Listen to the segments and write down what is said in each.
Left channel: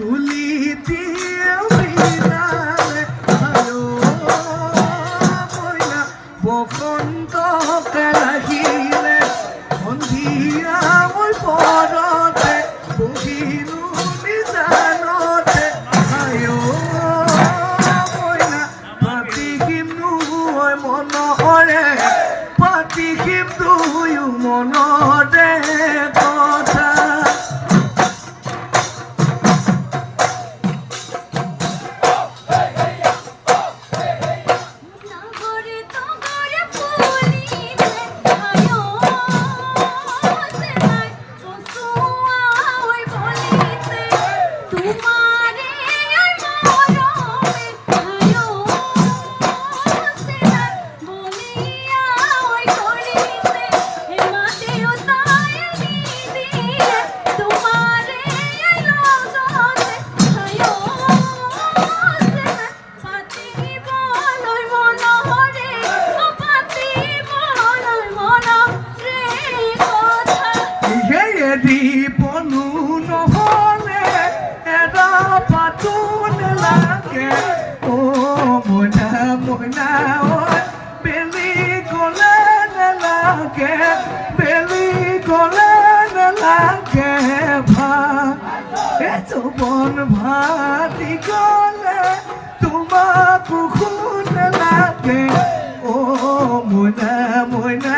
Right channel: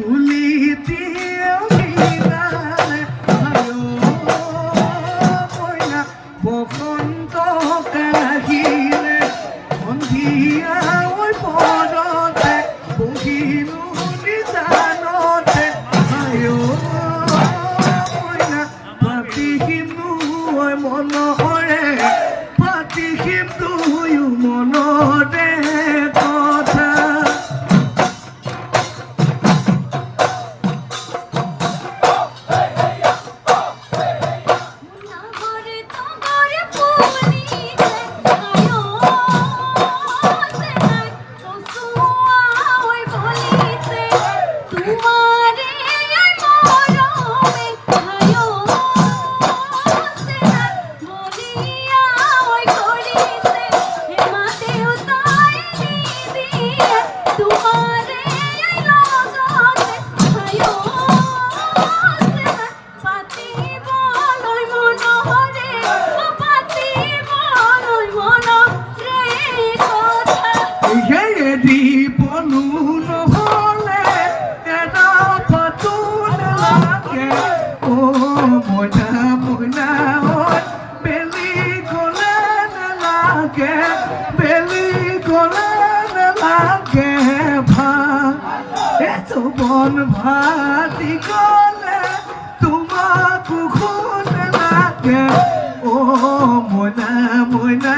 তুলি দিয়েও বিনালে আয়ো ময়না বসন্ত কাহিলে সন্ধিয়া ওই পরতে বহিলো নিজানতে আয়ো ময়না পাতিহিম দুই মনৰে পাতিহিম দুয়ো মনৰে কথা পনু নহলে এটা পাতন লাগে ও মইনা মইনা বেলি গলে নালাগে বেলি গলে নালাগে ভাত এতো বন ভাতি গলে তোমাক শুন লাগে ও মইনা মইনা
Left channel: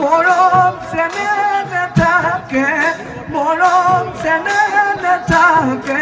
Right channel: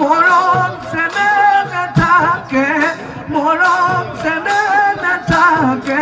মৰম চেনে নাথাকে মৰম চেনে নাথাকে